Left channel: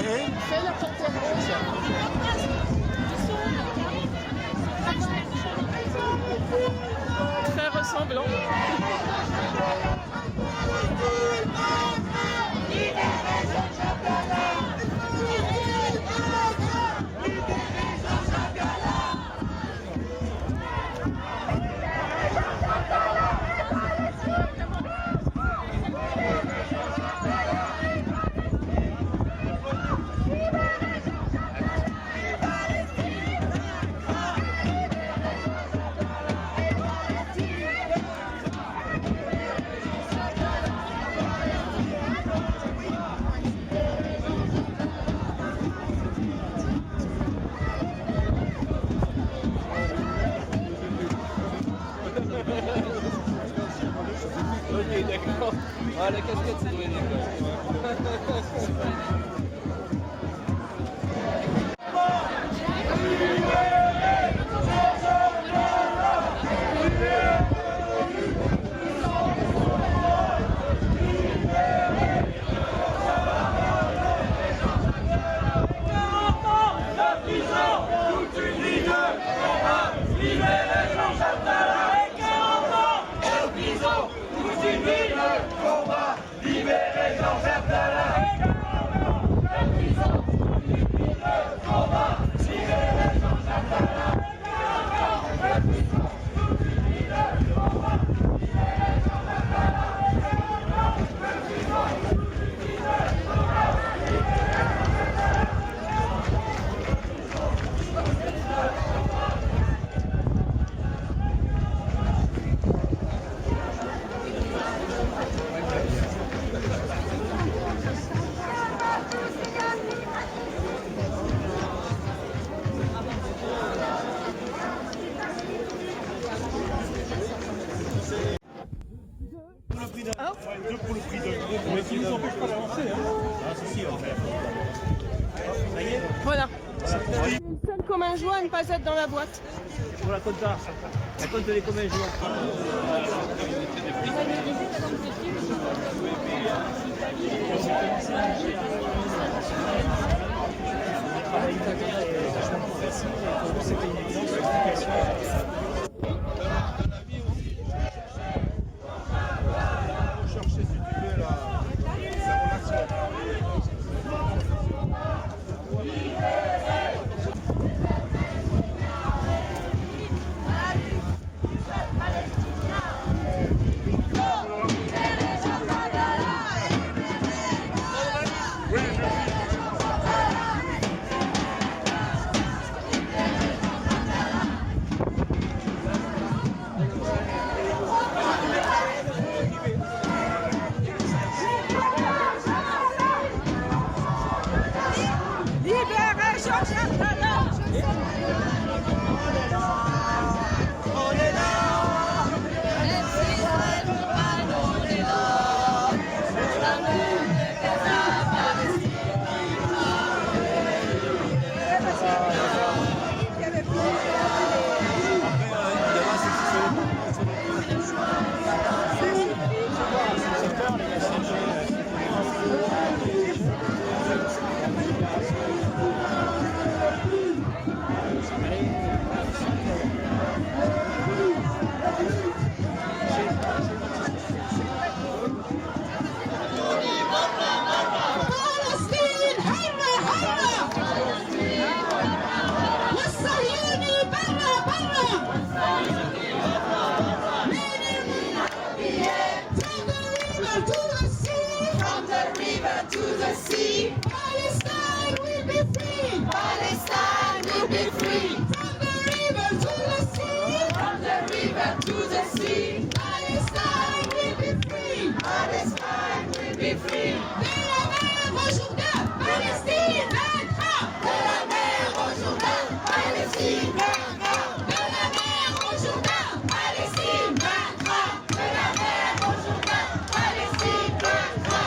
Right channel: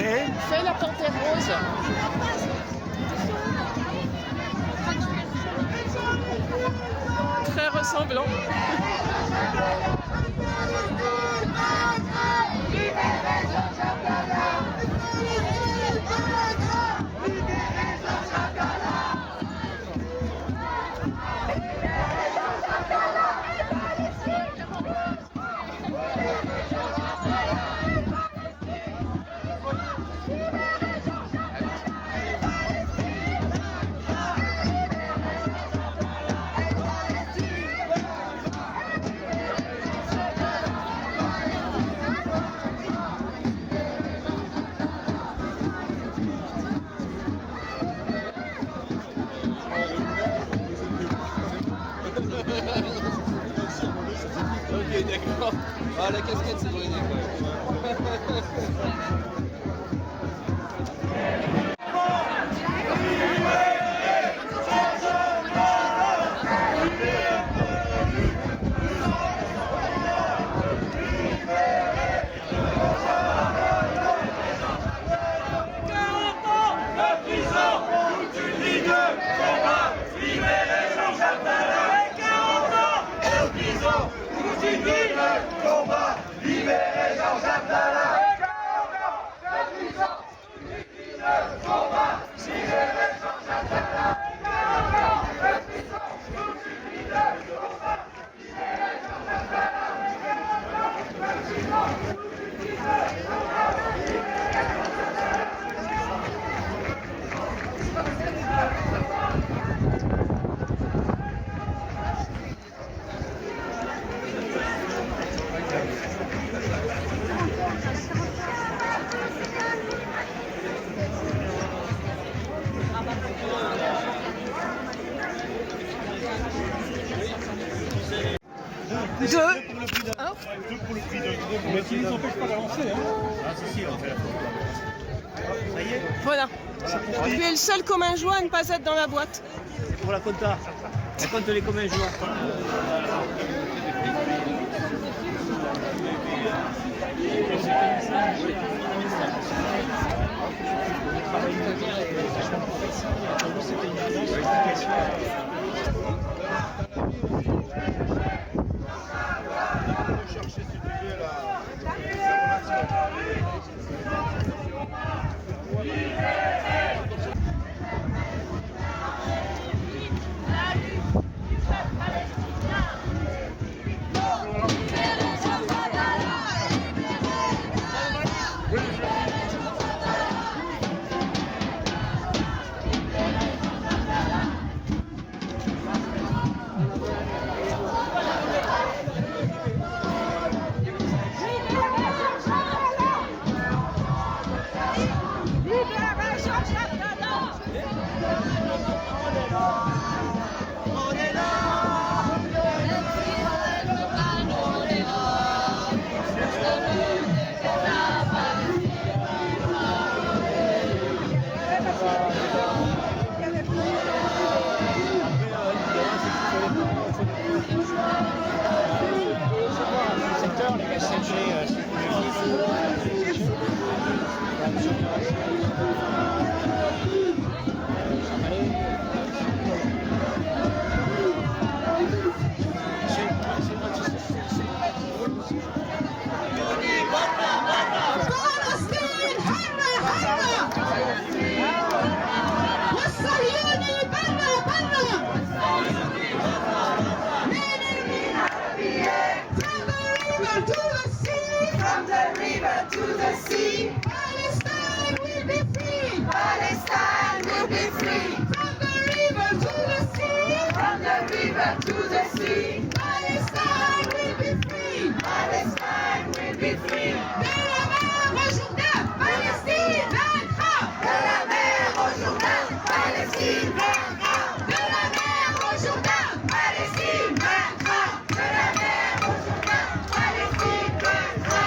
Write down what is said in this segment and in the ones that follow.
Et Fais la panthère rose. Très ressemblant. Ok, d'accord. Ah, la casquette, c'est pour une école. Le combat, libérer Jean-Jacques Dallas. Le combat, libérer Jean-Jacques Dallas. Deux pour le prix d'un. Mais qui nous empêche pas d'avancer. Ah, si, on fait la photo. Ça y est. Voilà. Tu es le seul commun joint à ne pas être dans la boîte. Pour la compta. La compte les communs joints. Le travail italien est vachement plus facile et pour nous c'était une évidence, une application. Chercher si tu veux là. Palestine will be free. Palestine will be free. From the river to the sea. From the river to the sea. Palestine will be free. Palestine will be free. De la mer au Jourdain, Palestine vaincra. De la mer au Jourdain, Palestine vaincra. De la mer au Jourdain, Palestine vaincra. De la mer au Jourdain, Palestine vaincra.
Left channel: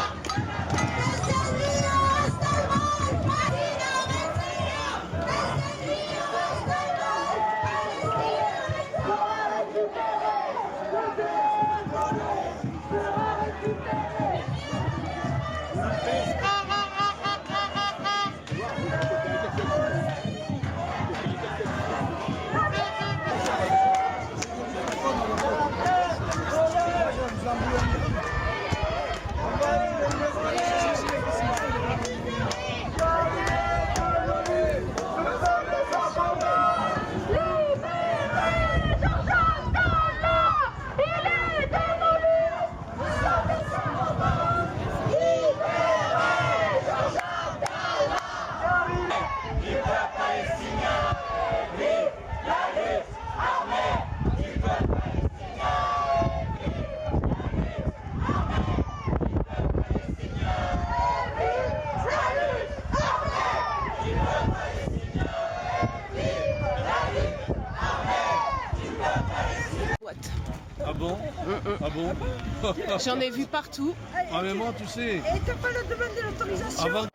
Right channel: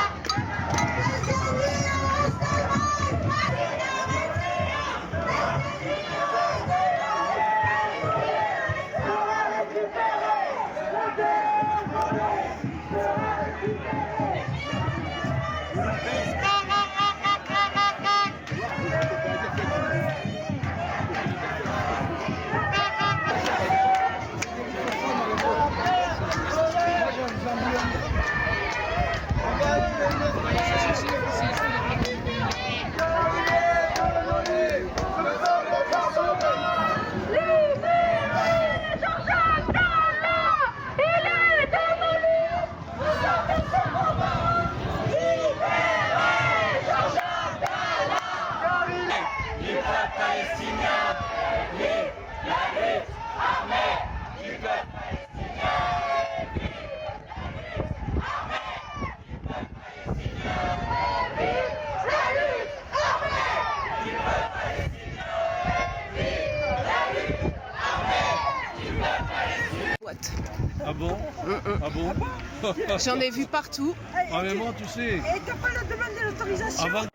Ah bon? J'en ai vu partout. Ah mais moi tu sais. Et t'as pas demandé l'autorisation? Avant.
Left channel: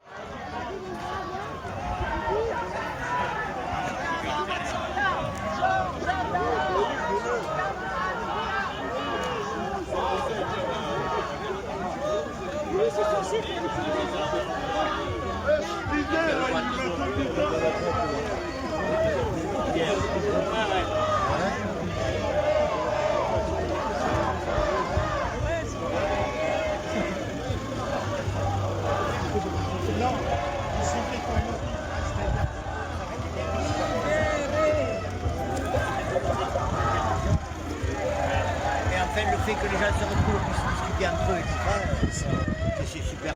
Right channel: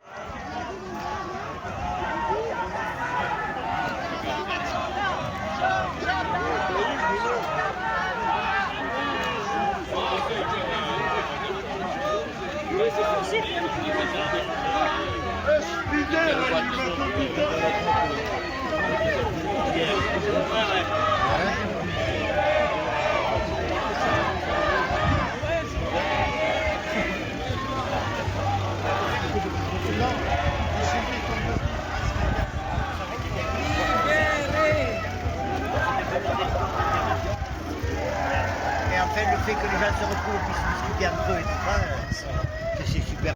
Et en fait, le fait que les gens se retrouvent et puissent discuter entre eux et tout ça, c'est super.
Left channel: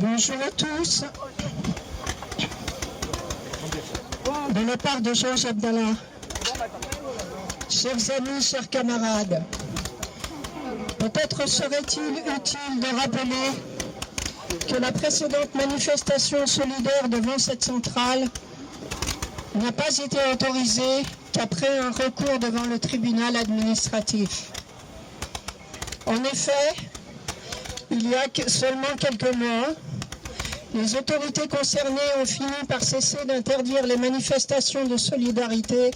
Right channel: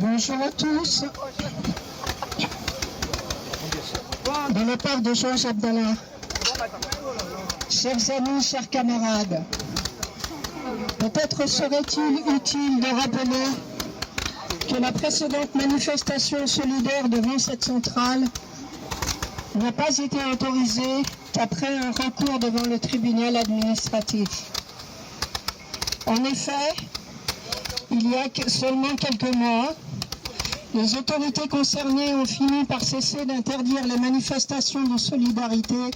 Bonjour à tous. De la part de Georges Abdallah, chers amis, chers camarades, peut-être serait-il utile de rappeler que la précédente manifestation solidaire devant cette centrale n'a pas été autorisée qu'après un recours devant le tribunal administratif. En effet, il y a seulement quelques mois, les autorités concernées ont fini par cesser d'interdire les manifestations de solidarité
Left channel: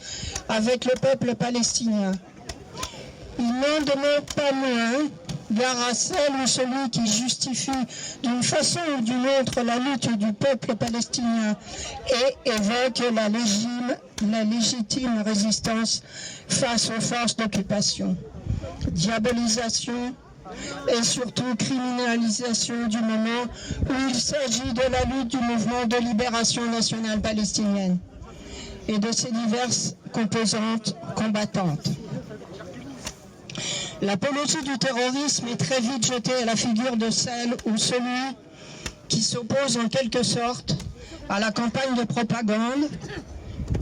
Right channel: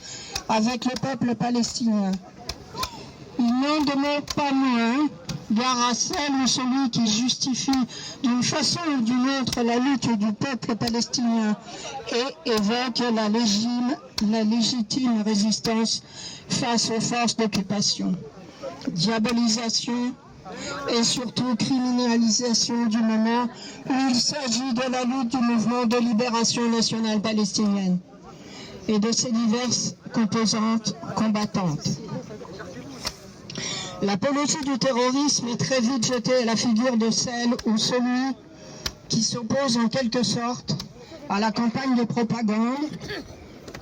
avec le peuple palestinien. Il n'en demeure pas moins gare à celle ou celui qui justifie d'une façon ou d'une autre la lutte du peuple palestinien et évoque la légitime résistance face aux forces d'occupation. Diabolisation et surtout criminalisation du moment où il s'agit de la lutte du mouvement de libération nationale palestinienne et de ses diverses composantes combattantes. L'apologie du terrorisme est très vite jetée à la figure de celle ou celui qui s'oppose en quelque sorte à la campagne de propagande,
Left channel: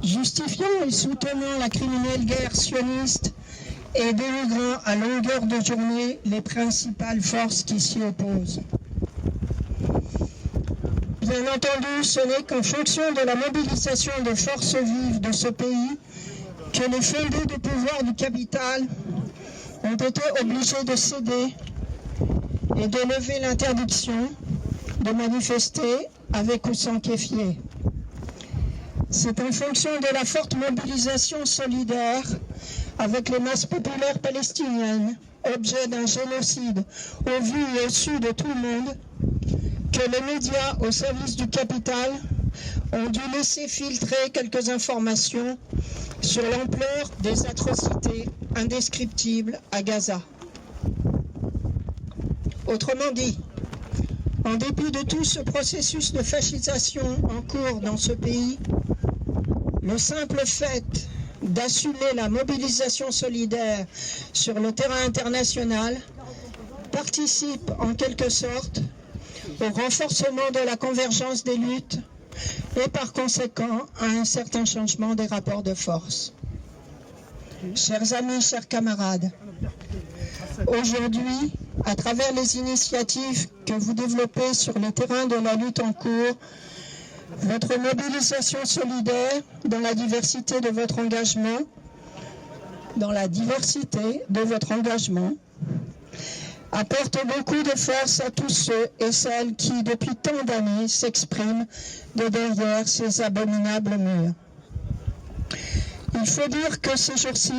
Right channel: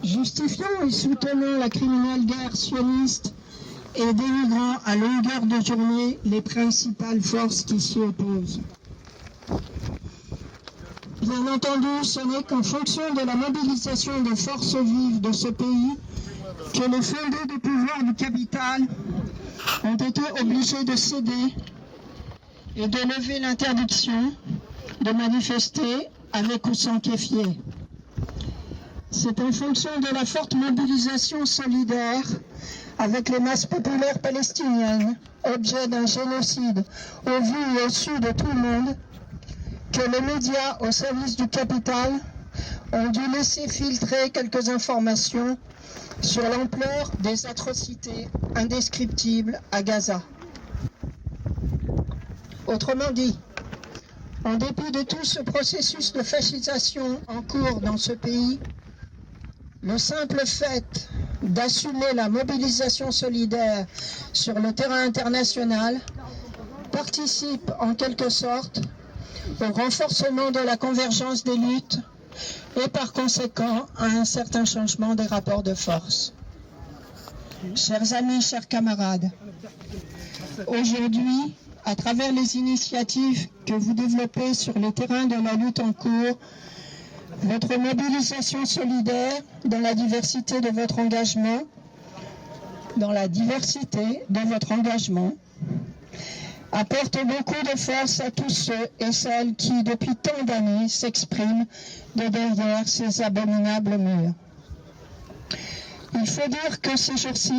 justifiant et soutenant la criminelle guerre sioniste et dénigrant à longueur de journée les principales forces qui s'y opposent. Bien entendu, ce n'est qu'en fonction de la mobilisation des forces vives de ce pays que les fondés du pouvoir du capital ont été obligés de céder et de lever l'interdiction de manifester avec ou sans kéfier. C'est en fonction de la forte mobilisation solidaire avec les masses populaires palestiniennes, objet d'un génocide au vu et au su de tout le monde, que les médias au service du capital ont dû laisser filtrer quelques informations sur l'ampleur des atrocités indescriptibles à Gaza. Autrement dit, en dépit de tout ce processus de fascisation en cours dans ce pays, le simple fait d'assumer la mobilisation solidaire sur le terrain international participe en quelque sorte au renforcement de la convergence des luttes et par conséquent à un certain changement des rapports de force. Chers amis, chers camarades, aujourd'hui, à travers les initiatives que vous développez sur le terrain de la lutte en cours, votre mobilisation solidaire dans la diversité de votre engagement, apporte beaucoup de force à tous ceux et celles qui, depuis tant d'années, s'expriment de derrière ces abominables murs. Il faut dire que ces jours-ci,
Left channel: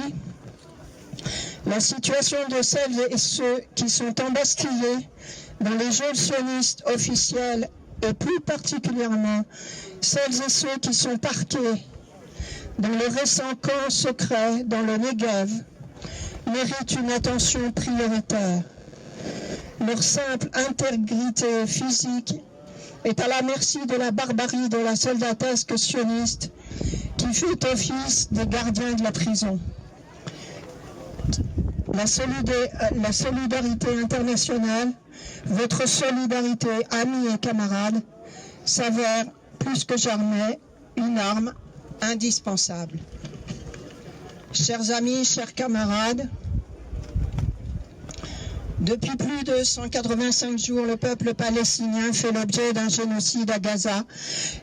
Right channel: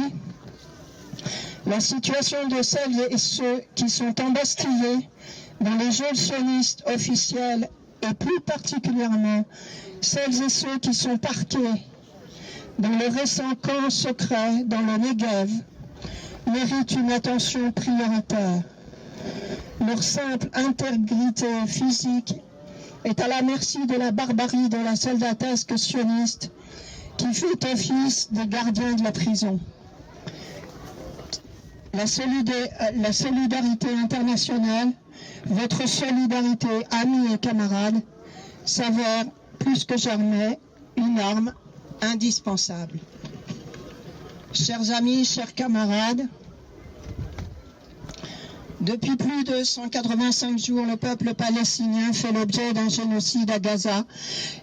la situation de celles et ceux qui sont embastillés dans les geôles sionistes officielles et plus particulièrement celles et ceux qui sont parqués dans le récent camp secret dans le Negev, méritent une attention prioritaire. Leur simple intégrité physique est à la merci de la barbarie de la soldatesque sioniste qui fait office des gardiens de la prison. La solidarité internationale, votre solidarité, amis et camarades, s'avère plus que jamais une arme indispensable. Chers amis, chers camarades, depuis plus de 185 jours, le peuple palestinien fait l'objet d'un génocide à Gaza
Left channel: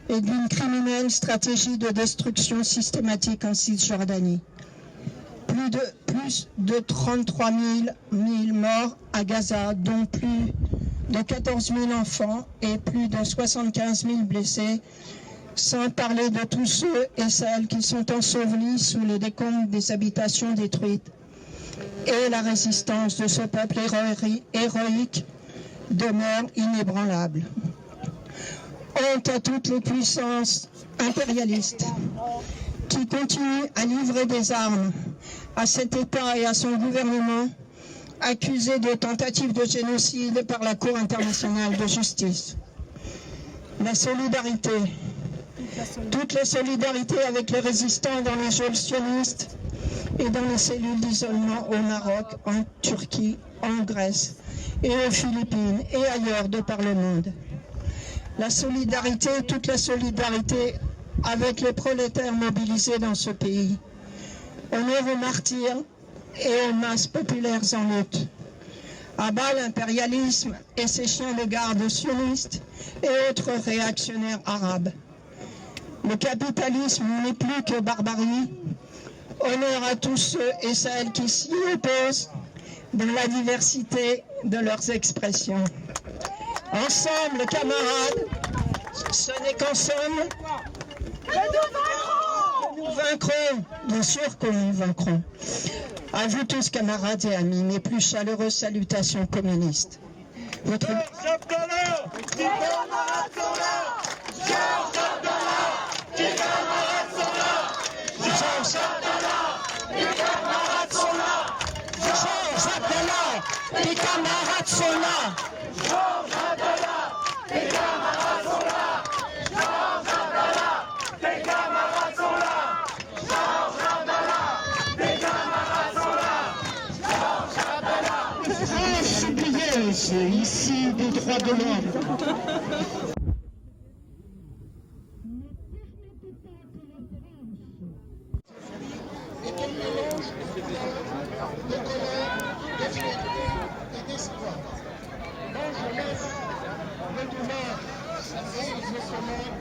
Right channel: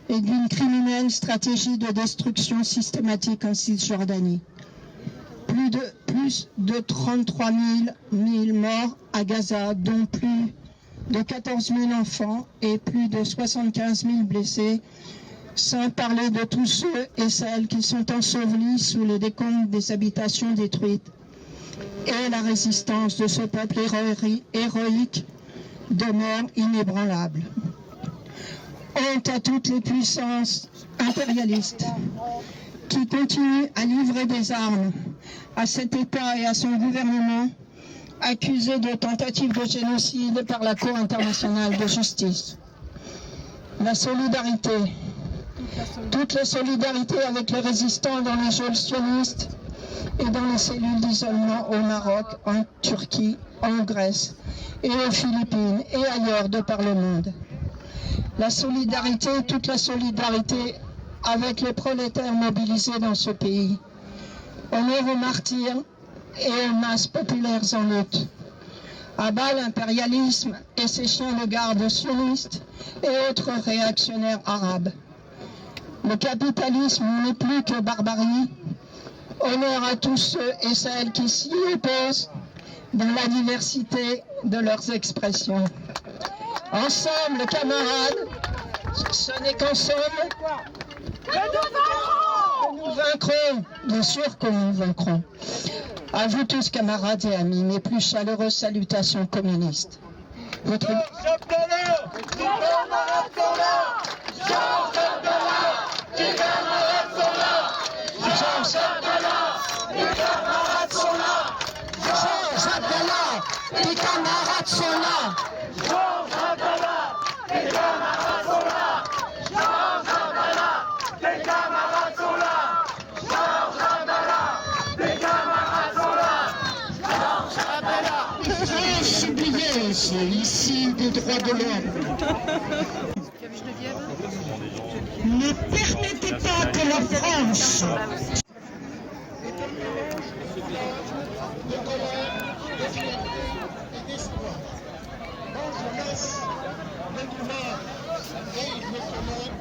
et d'une criminelle stratégie de destruction systématique en Cisjordanie. Plus de 33 000 morts à Gaza, dont plus de 14 000 enfants et plus de 75 000 blessés, sans parler de tous ceux et celles qui sont ensevelis sous le décombre des habitations détruites, et la résistance de ce peuple héroïque demeure inébranlable. Honte à toutes les puissances impérialistes qui continuent à livrer des armes à cet État et à son gouvernement, accusés de tentative de génocide par la Cour internationale de justice. La solidarité, toutes les solidarités avec les résistants dans les geôles sionistes et dans les cellules d'isolement au Maroc, en Turquie, en Grèce et aux Philippines et ailleurs de par le monde. La solidarité, toute la solidarité avec les prolétaires mobilisés dans ce pays. Honneur aux martyrs et aux masses populaires en lutte. À bas l'impérialisme et ses chiens de garde sionistes et autres réactionnaires arabes. Le capitalisme n'est plus que barbarie. Honneur à tous ceux et celles qui s'y opposent dans la diversité de leurs expressions. Ensemble, camarades, ce n'est qu'ensemble que nous vaincrons. Bien sûr que nous vaincrons. À vous tous, camarades et amis, mes plus chaleureuses salutations communistes. Votre... Les camarades sont là. Georges Atala, les camarades sont là. Georges Atala, les camarades sont là. Georges Atala, les camarades sont là. Georges Atala. France oublieuse, ici des droits de l'homme. Ne permettez pas que la France... de colère, de fierté et d'espoir. Bon, je laisse le douleur de ce monde